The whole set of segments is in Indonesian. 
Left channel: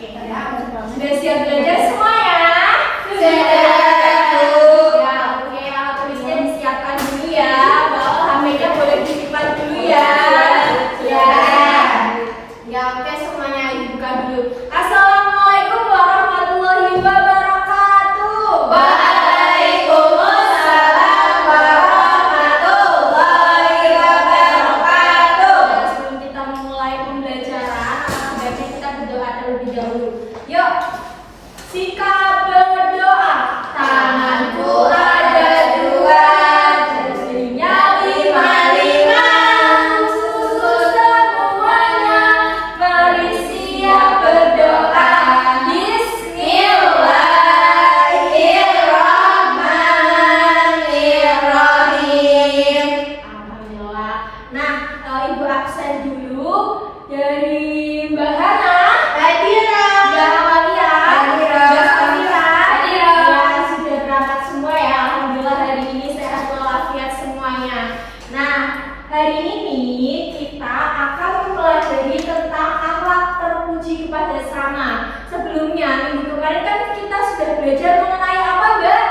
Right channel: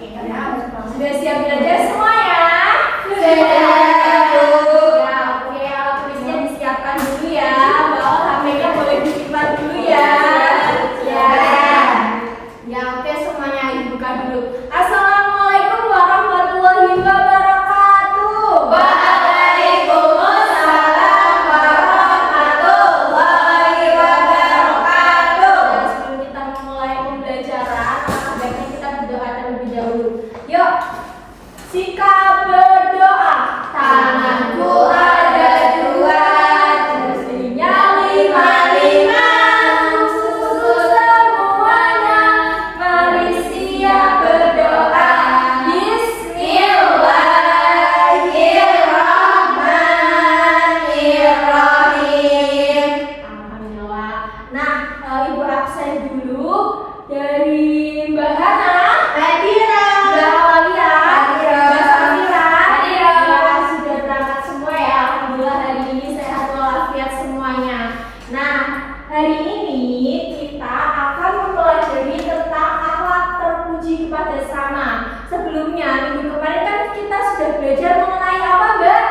Sudah siap belajar semua ya? Sudah. Ya, oke. Alat tulisnya disiapkan dulu ya. Bawa HP-nya boleh disimpan dulu ya. Ya. Ya, oke, semuanya dibuka dulu. Assalamualaikum warahmatullahi wabarakatuh. Waalaikumsalam warahmatullahi wabarakatuh. Sebelum kita memulai pembelajaran, sebaiknya kita berdoa terlebih dahulu. Yuk, sikap berdoa. Tanganku ada dua, Jarinya lima-lima. Untuk semuanya, mari siap berdoa. Bismillahirrahmanirrahim. Alhamdulillah. Nah, Ibu absen dulu dari Mbak Hana, Hadira. Mbak Awalia, Hadira. Mbak Safira. Hadira. Ya, sudah berangkat semua ya. Alhamdulillah hari ini sehat walafiat semuanya. Nah, hari ini kita akan mempelajari tentang akhlak terpuji kepada sesama. Sebelumnya, minggu kemarin kan kita sudah belajar mengenai apa, Mbak?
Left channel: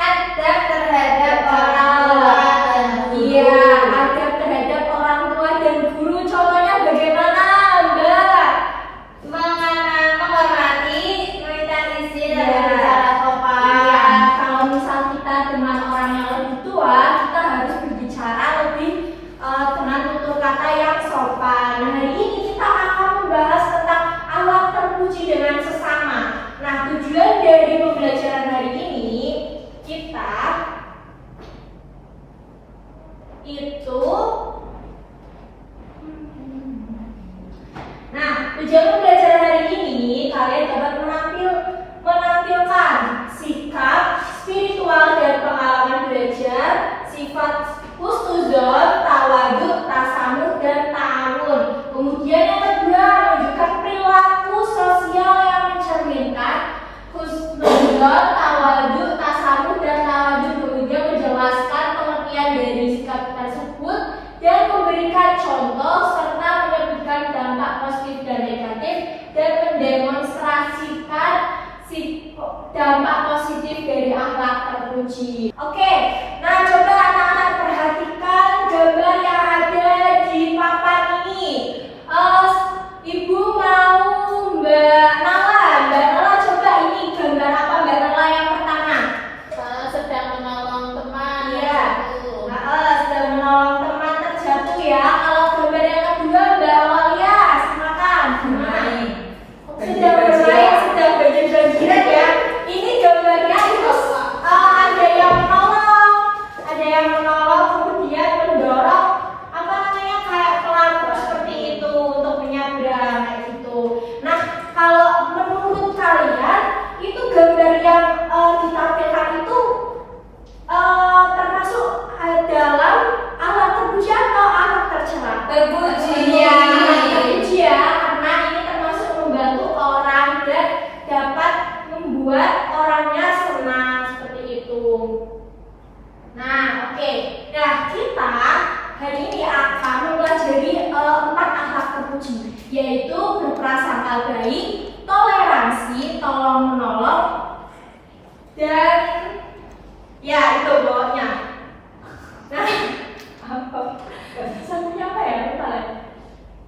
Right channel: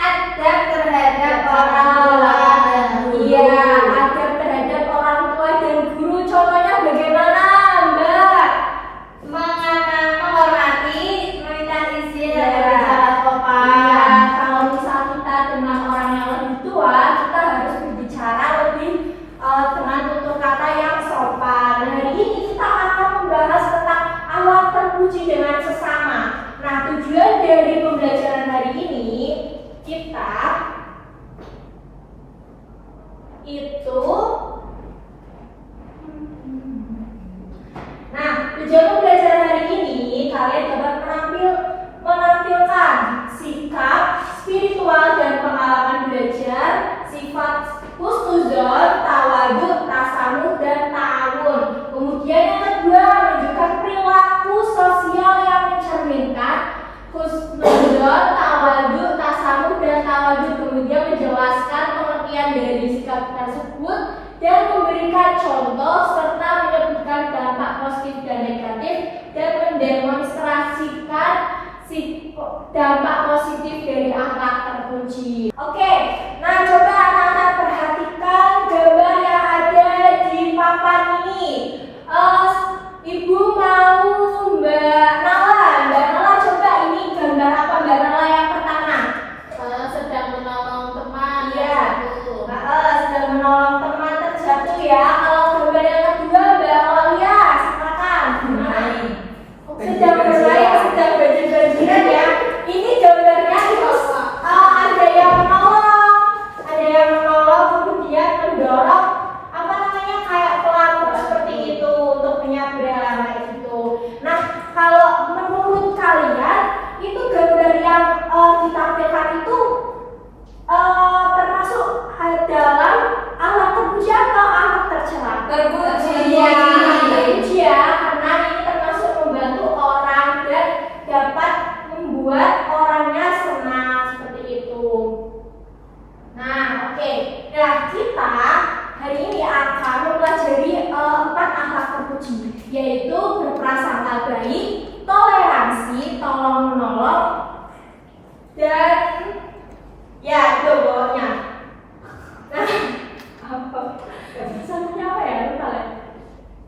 Adab terhadap orang tua dan guru. Iya, adab terhadap orang tua dan guru. Contohnya bagaimana, Mbak? Menghormati, meminta izin, dan Iya. berbicara sopan. Iya, kalau misal kita dengan orang yang lebih tua, kita harus berbicara lebih dengan tutur kata yang sopan. Hari ini kita akan membahas tentang akhlak terpuji dengan sesama. Nah, tujuan dari pembelajaran hari ini kita itu Nah, tujuan pembelajaran hari ini kalian dapat menampilkan sikap spiritual dan pengalaman belajar, sifat husnuzon, tawaduk, tasamuh, dan ta'awun. Kemudian yang kedua, menunjukkan perilaku sosial yang mencerminkan husnuzon, tawaduk, tasamuh, dan tawaduk. Kemudian menjelaskan pengertian dari sikap tersebut dan memberikan contoh serta menyebutkan dampak positif dan negatif dan mendemonstrasikan dampak positif dari akhlak terpuji. Oke, nah coba anak-anak perhatikan gambar yang ada di papan ini. Ibu mau Mbak Nala coba ini gambar apa Mbak Nala yang pertama? Sedang menolong teman. Iya. Sedang menolong teman terjatuh ya. Kalau gambar yang kedua Mbak Awalia, silakan. Sedang bermain, sedang baju-bajuan ya. Ini gambarnya itu ada yang menolong, kemudian mendorong apa namanya kayak pelaku seperti itu untuk menyeberang kayak gitu. Nah, kalau menurut kalian itu gambar yang ditampilkan itu termasuk dalam akhlak terpuji atau akhlak tercela? Terpuji. Iya, terpuji ya, karena ini termasuk membantu orang dan dapat membuat orangnya senang seperti itu. Nah, oke. Nah, kita hari ini akan mempelajari 4 akhlak terpuji, yaitu berprasangka baik, toleransi, tolong menolong, dan ya itu bawahnya. Nah, sebenarnya apa ya? Lupa lagi.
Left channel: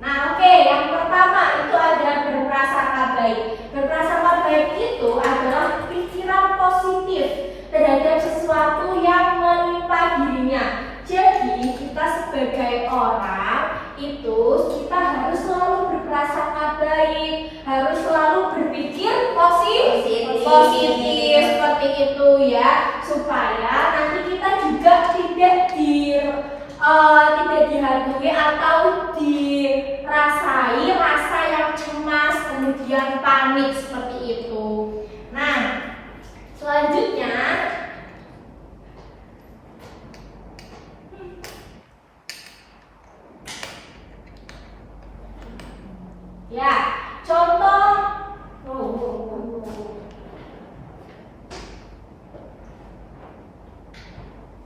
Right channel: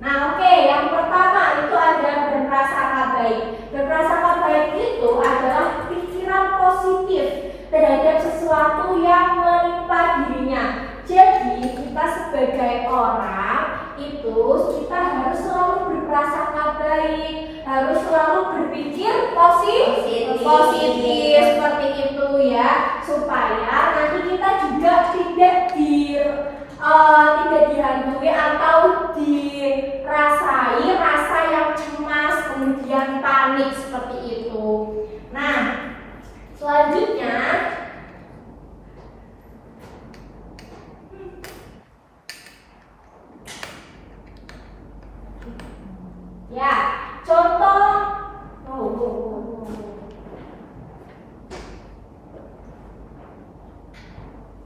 Nah, oke, yang pertama itu adalah berprasangka baik. Berprasangka baik itu adalah pikiran positif terhadap sesuatu yang menimpa dirinya. Jadi, kita sebagai orang itu kita harus selalu berprasangka baik, harus selalu berpikir positif seperti itu ya, supaya nanti kita juga tidak dihantui atau dirasai rasa yang cemas kemudian panik seperti itu. Nah, selanjutnya ya, contoh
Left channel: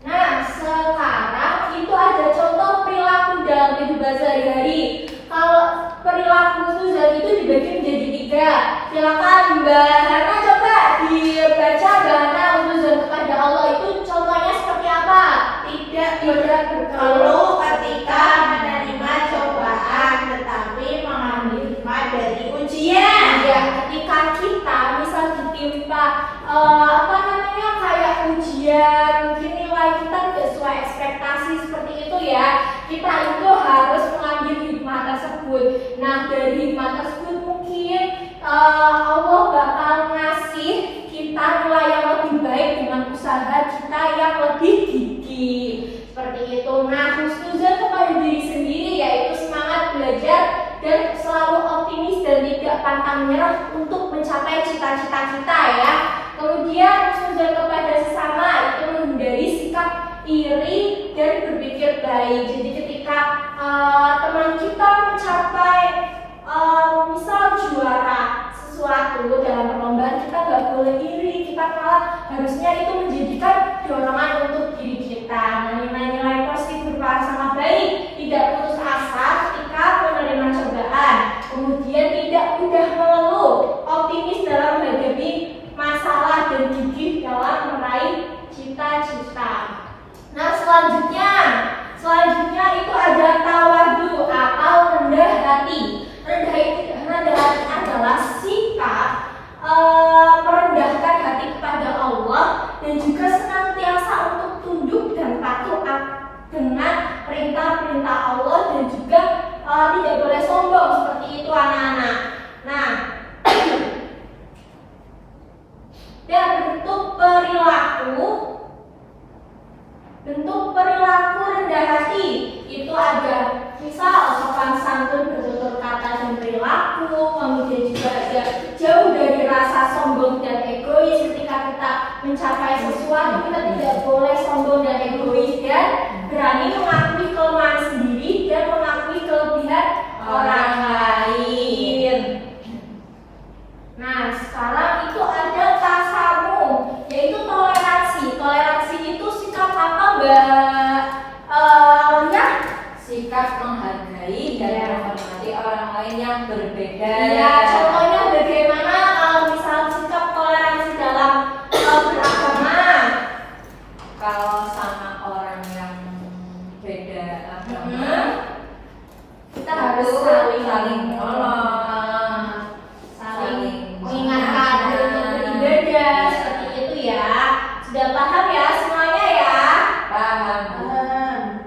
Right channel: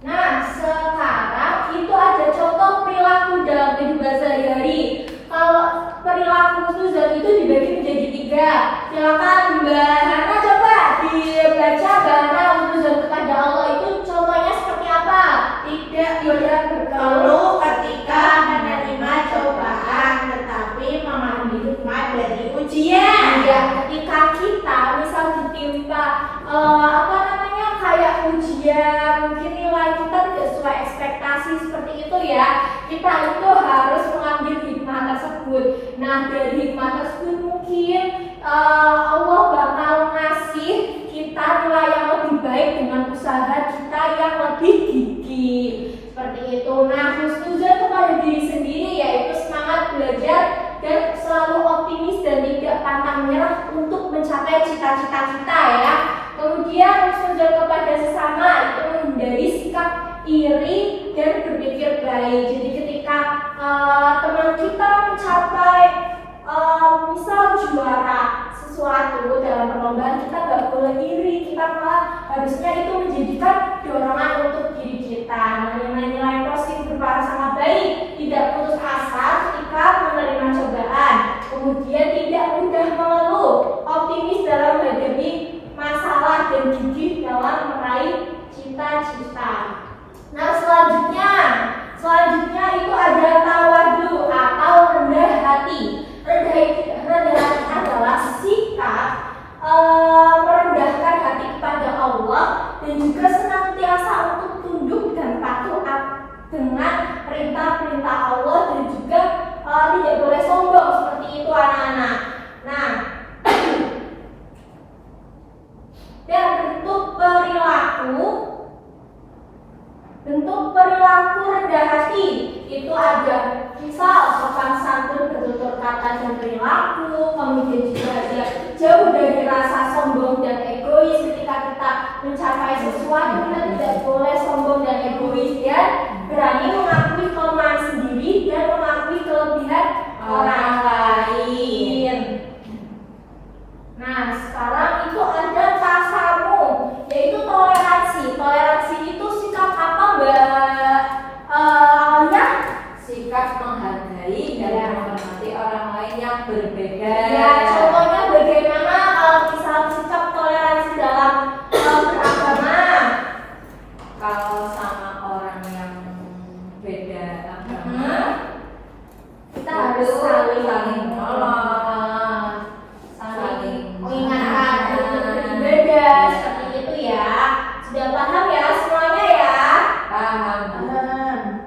Nah, sekarang itu ada contoh perilaku dalam kehidupan sehari-hari. Kalau perilaku husnuzon itu dibagi menjadi 3. Silakan Mbak Hana coba dibaca bahana husnuzon kepada Allah itu contohnya seperti apa? Tidak berkeluh ketika menerima cobaan, tetapi mengambil hikmah dari ujian. Ya, ketika kita misal ditimpa kayak ujian, mungkin nilai kita tidak sesuai ekspektasi seperti itu ya, kita itu harus mengambil hikmah tersebut. Nah, dari hikmah tersebut mungkin Allah bakal ngasih kita nilai yang lebih baik dengan usaha kita yang lebih gigih seperti itu. Nah, husnuzon kepada diri sendiri yaitu semangat belajar dan selalu optimis dan tidak pantang menyerah untuk mencapai cita-cita kita ya. Kemudian husnuzon kepada sesama itu menghindari sikap iri dan berpikir baik. Jadi ketika teman kita mencapai misal juara sesuatu dalam perlombaan, kita nggak boleh iri, kita malah harusnya itu menjadikan dorongan untuk diri kita. Nilai-nilai positif berupa sama baik, tidak putus asa ketika menerima cobaan, kemudian tidak mudah mengeluh, optimis dalam menghadapi masalah dan gigih dalam meraih cita-cita. Nah, selanjutnya itu ada tawadu atau rendah hati. Rendah hati adalah sikap merendahkan hati kepada Allah dan juga senantiasa untuk tunduk dan patuh dengan perintah-perintah Allah dan juga tidak boleh sombong seperti itu anak-anak. Nah, dan bentuk perilaku rendah hati itu ada misal sopan santun bertutur kata dan perilaku, kemudian juga ada jauh dari rasa sombong dan egois. Ketika kita mencapai sesuatu, kita tidak boleh sombong dan egois dan berani mengakui kelemahan sendiri dan mengakui kelebihan orang lain. Nah, sekarang itu ada tasamu, yaitu toleransi. Toleransi itu sikap apa, Mbak? Ya, Sikap menghargai dan menghormati orang lain yang berbeda. ya, contohnya bagaimana kalau misal sikap toleransi dalam beragama? Kalau sama orang yang beda agama, Kita harus saling menolong, saling mengingatkan untuk beribadah seperti itu ya. Sudah paham ya semuanya ya? paham.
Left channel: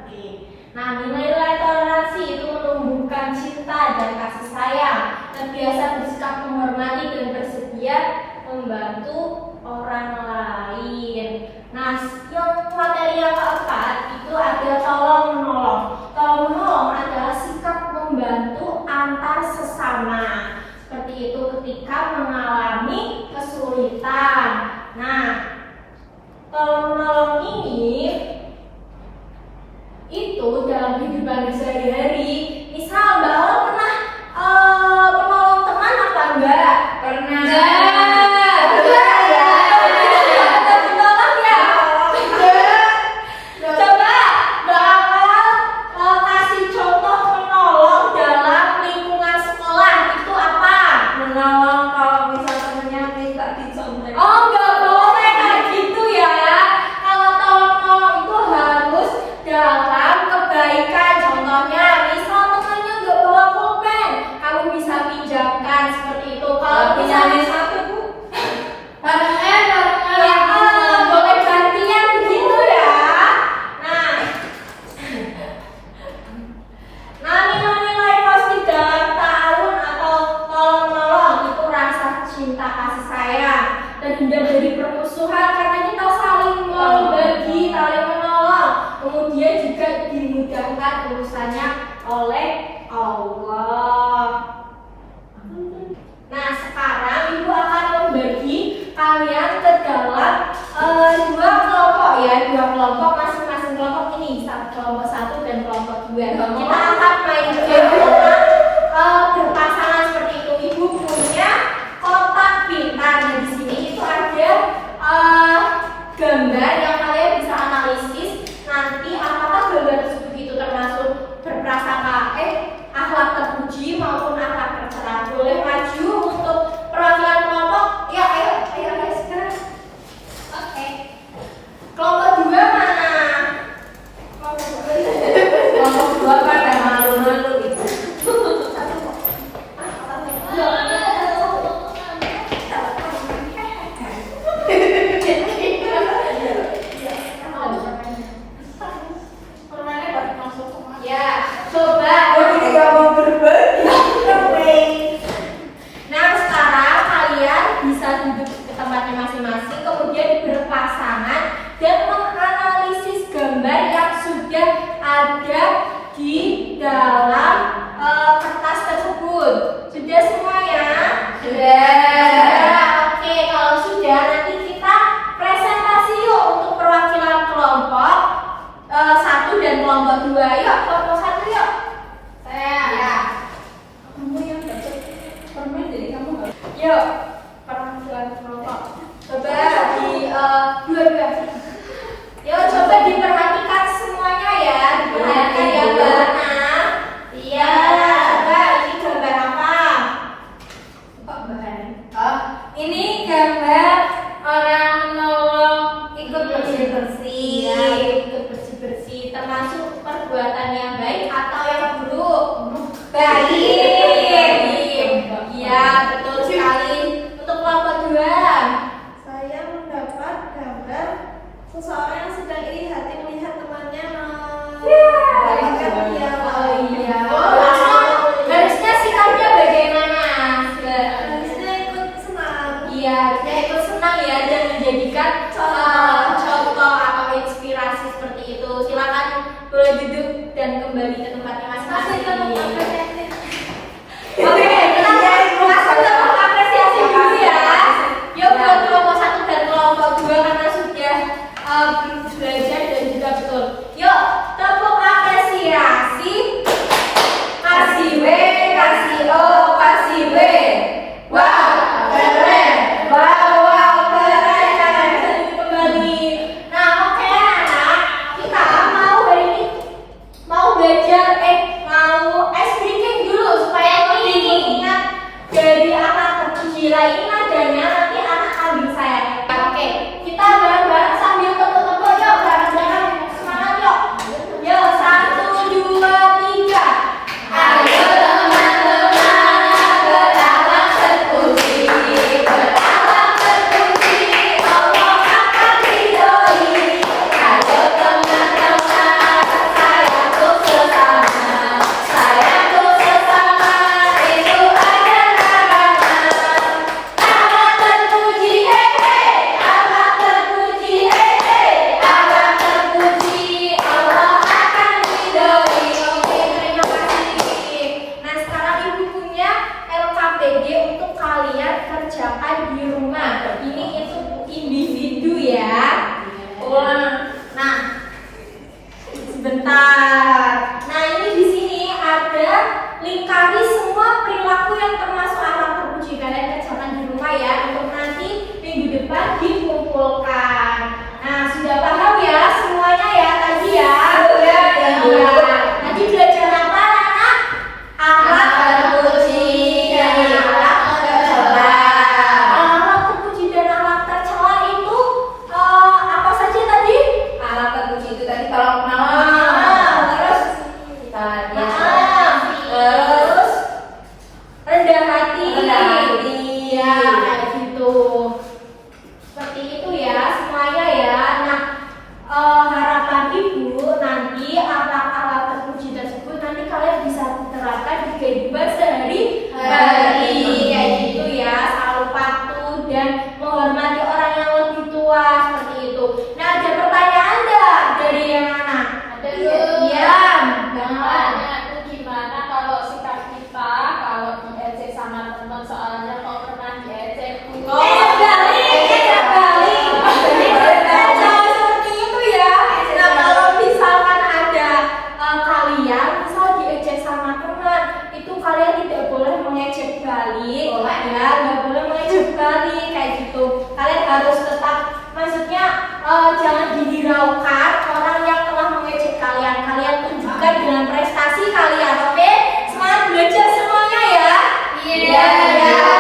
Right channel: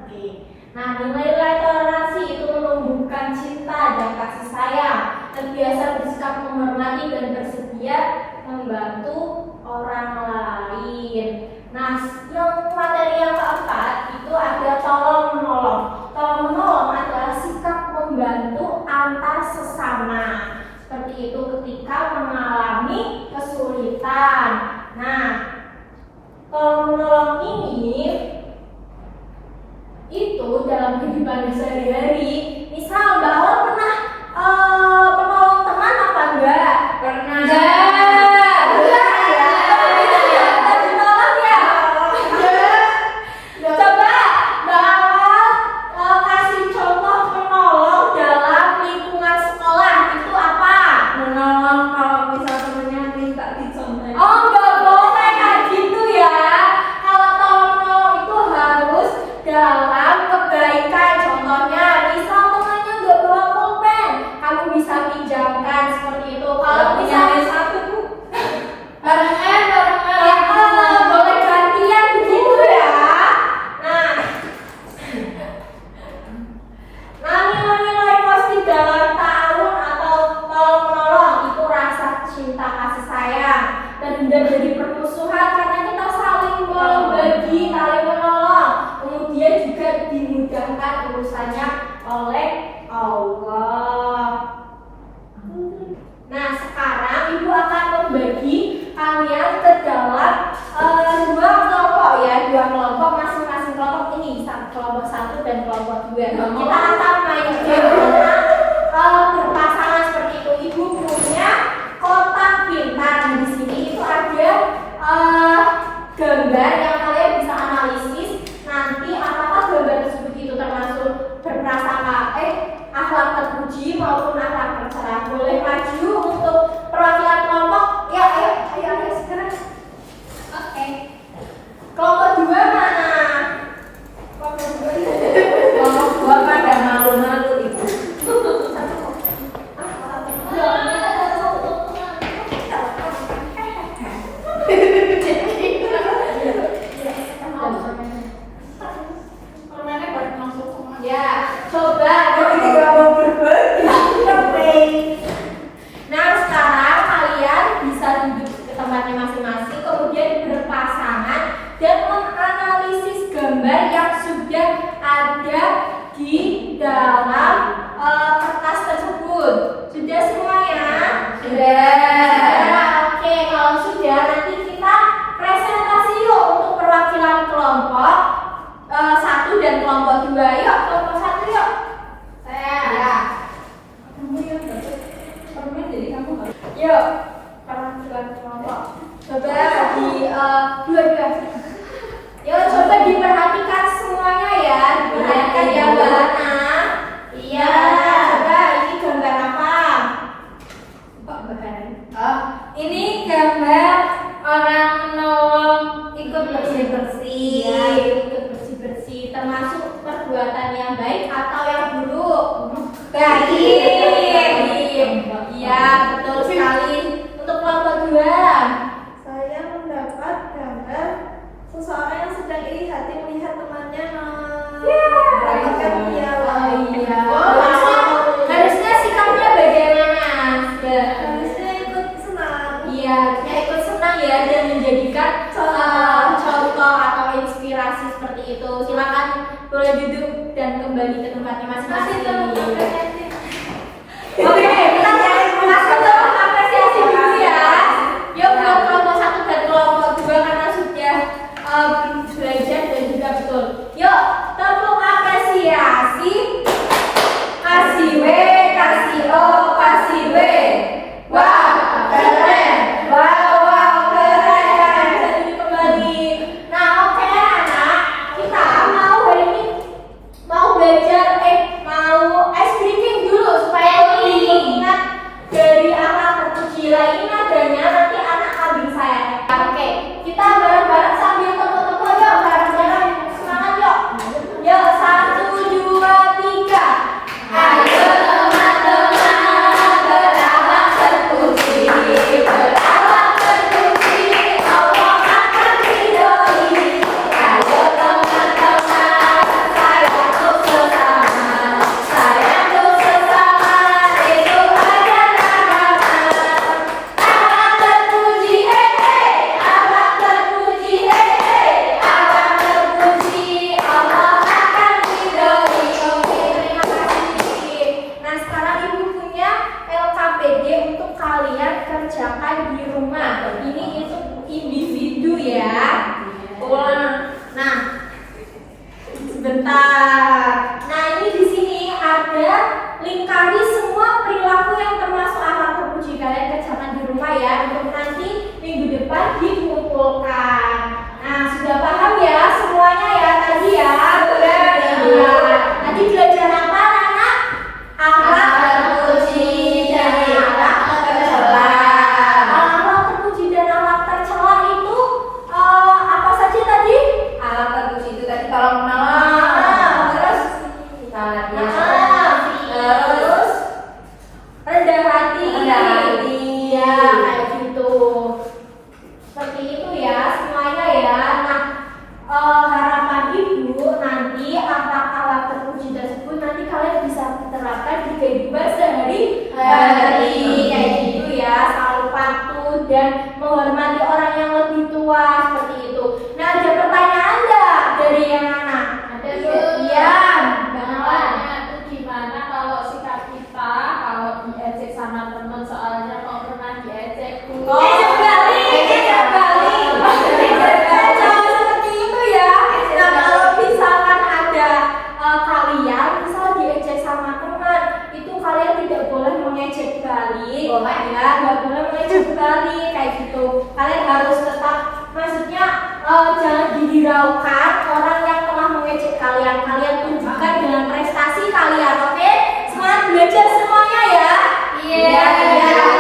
Oke. Nah, nilai-nilai toleransi itu menumbuhkan cinta dan kasih sayang, terbiasa bersikap menghormati dan bersedia membantu orang lain. Nah, yang materi yang keempat itu ada tolong menolong. Tolong menolong adalah sikap membantu antar sesama. Seperti itu ketika mengalami kesulitan. Nah, tolong menolong ini itu dalam kehidupan sehari-hari. Misal Mbak Aul pernah menolong teman apa enggak? Pernah. Coba Mbak Aul kasih contoh menolong dalam lingkungan sekolah itu apa? Menolong kalau misal temennya minta dicontoh. Oh, nggak boleh kayak gitu ya. Kalau tolong itu harus dalam kebaikan. Contohnya, misal temannya nggak bawa pulpen, kamu bisa pinjamkan seperti itu. Kalau misalnya satu bu, barengan ya, boleh gantian begitu ya. Nah, nilai-nilai positif dalam ta'awun atau tolong menolong itu rasa cinta kasih sayang, terhindar dari permusuhan karena kita saling berbagi, saling menolong, kemudian juga dimudahkan urusannya oleh Allah. Nah, sekarang ibu akan membagi kalian ke dalam dua kelompok ya, dua kelompok, masing-masing kelompok ini kelompok 1 dan kelompok 2. Kita akan main game berpasangan seperti itu. Ibu punya kotak pintar di sini itu ada gambar yang kalian bisa analisis nanti apakah gambar tersebut itu termasuk berprasangka akhlak terpuji maupun dan kelompok 2. Yuk, kelompok 1 yuk. Saya. Ya. Kamu yang dapat permen jadi kamu harus. Yuk, perwakilan kelompok. Coba di dua. Yuk, coba diperhatikan semuanya ya. Diperhatikan ya, Mbak Ana. Iya. Coba ini gambar apa? Kok Mbak Ana? Oh, ini gambar orang menolong ikut bersih-bersih. Iya, ikut bersih-bersih. Termasuk perbuatan yang baik atau yang buruk? Baik. Iya, betul sekali. Untuk kelompok 2. Saya mendapat gambar seseorang yang sedang iri hati melihat temannya mendapatkan piala. Oh iya. Harusnya sikapnya bagaimana? Harusnya ikut senang. Iya, kita ikut senang ya dan menjadikan contoh atau inspirasi seperti itu. Silakan boleh duduk dan kembali ke tempatnya masing-masing. Oke, kita langsung tepuk apresiasi dulu ya. Yuk buat kelompok 1 dan kelompok 2 karena sudah belajar dan juga betul. Yuk, tepuk apresiasi. Kasih W, kasih O, kasih W. Wah, keren. Wow, keren. Kembali. Nah, oke anak, kita mau hari ini mau belajar mau ice breaking dulu supaya lebih ingat dari anak terpuji lain nadanya nanti anak ambil saya. Oke, kita bareng-bareng sambil tepuk-tepuk yuk bareng-bareng semangat yuk. Yuk 1, 2, 3. Ayo teman-teman berawak terpuji, berawak terpuji, Allah akan ridhoi. Ayo teman-teman sayang untuk sesama, sayang untuk sesama itu adalah agama. Abang terpuji, abang terpuji, abang terpuji, Allah akan ridhoi. Oke, terima kasih. Nah, sekarang ibu punya LKPD untuk kalian kerjakan di rumah. Ini itu individu ya. Nah, sebentar. Nah, ini di sini ada lingkari semua perilaku yang termasuk akhlak terpuji. Kalian kerjakan di rumah ya untuk nanti minggu depan dikumpulkan. Nah, sudah paham ya semuanya ya tadi ya? Sudah. Iya. Tadi belajar apa anak? Akhlak terpuji dan akhlak tercela. Akhlak terpuji dan akhlak tercela itu apa saja tadi? alat terpuji itu tadi kalau Terus terus rendah hati. Rendah hati. Ya, kayak gitu. Seperti itu ya semuanya ya. Nah, harapan ibu nanti akhlak-akhlak terpuji tersebut nanti kalian bisa terapkan di kehidupan sehari-hari. Kayak gitu ya, selalu patuh dan menghormati orang yang lebih tua seperti itu. Nah, ada pertanyaan nggak dari yang anak? Ada, Bu. Iya. Namanya tuh gimana kalau sikap kita kalau diejek sama teman, soalnya kalau pernah diejek Bu. Ejek balik. Jangan seperti itu ya. Nah, kalau misalkan ada kalian misal diejek sama teman, itu kalian tidak boleh mengejek balik. Boleh. Ya, nggak boleh mengejek balik kayak gitu. Kalian harus tetap, maksudnya jangan dihiraukan orang yang telah mengejek kalian. Kalian tunjukkan dengan prestasi kalian, oke? Semangat belajar semuanya ya. Iya. Iya.